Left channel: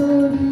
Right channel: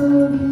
to you.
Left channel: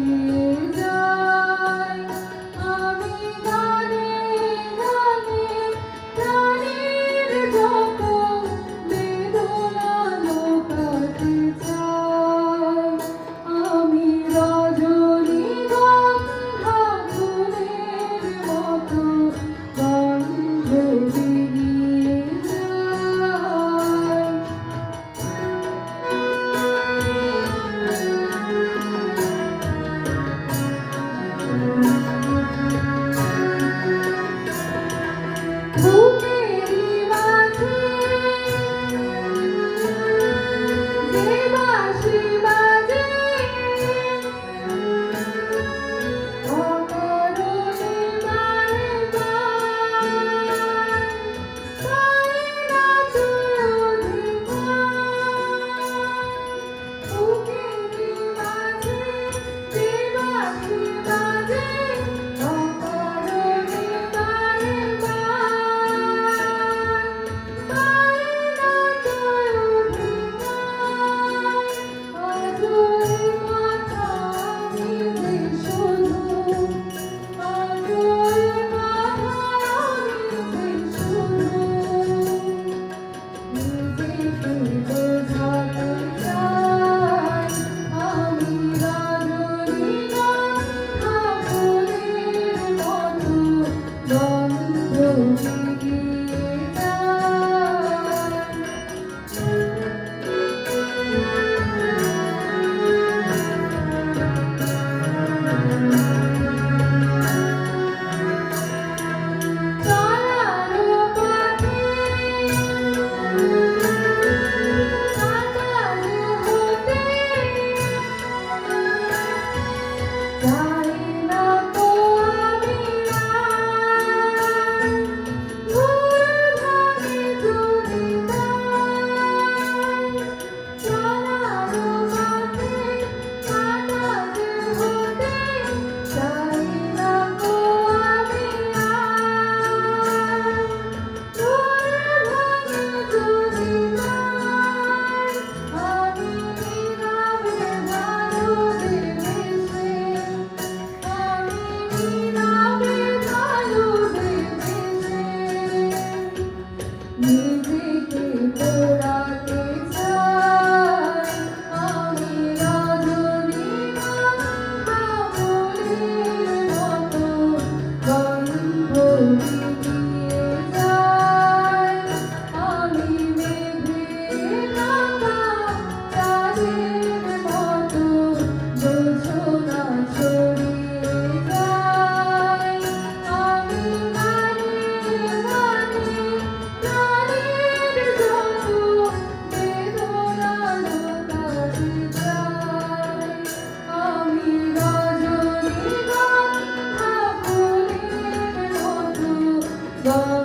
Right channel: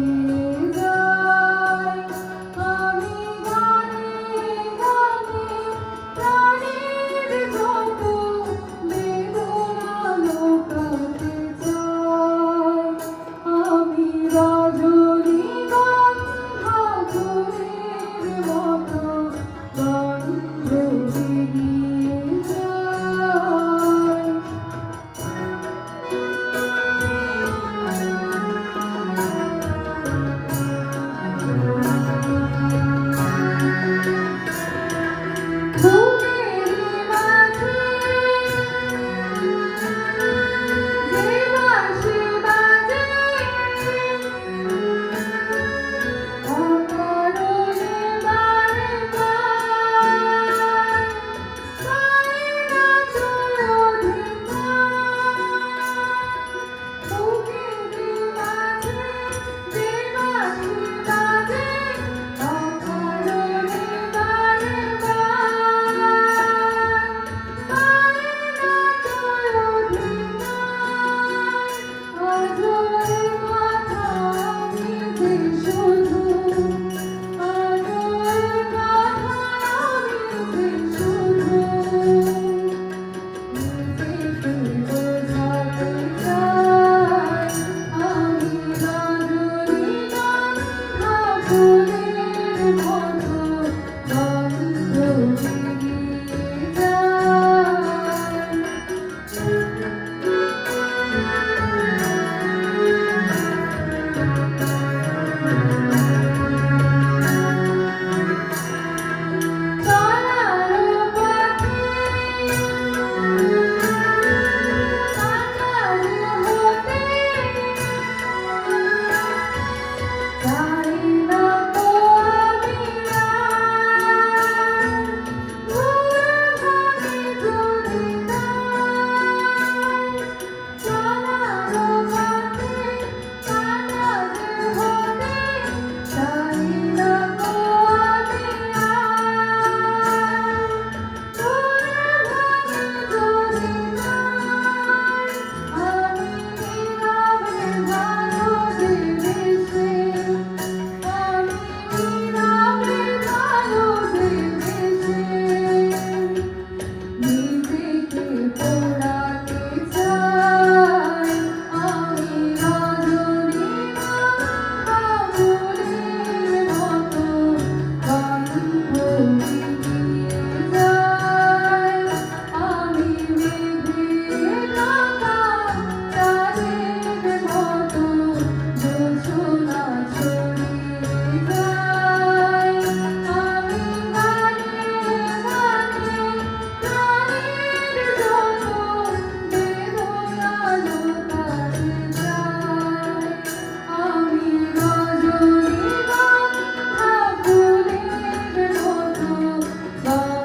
Bye.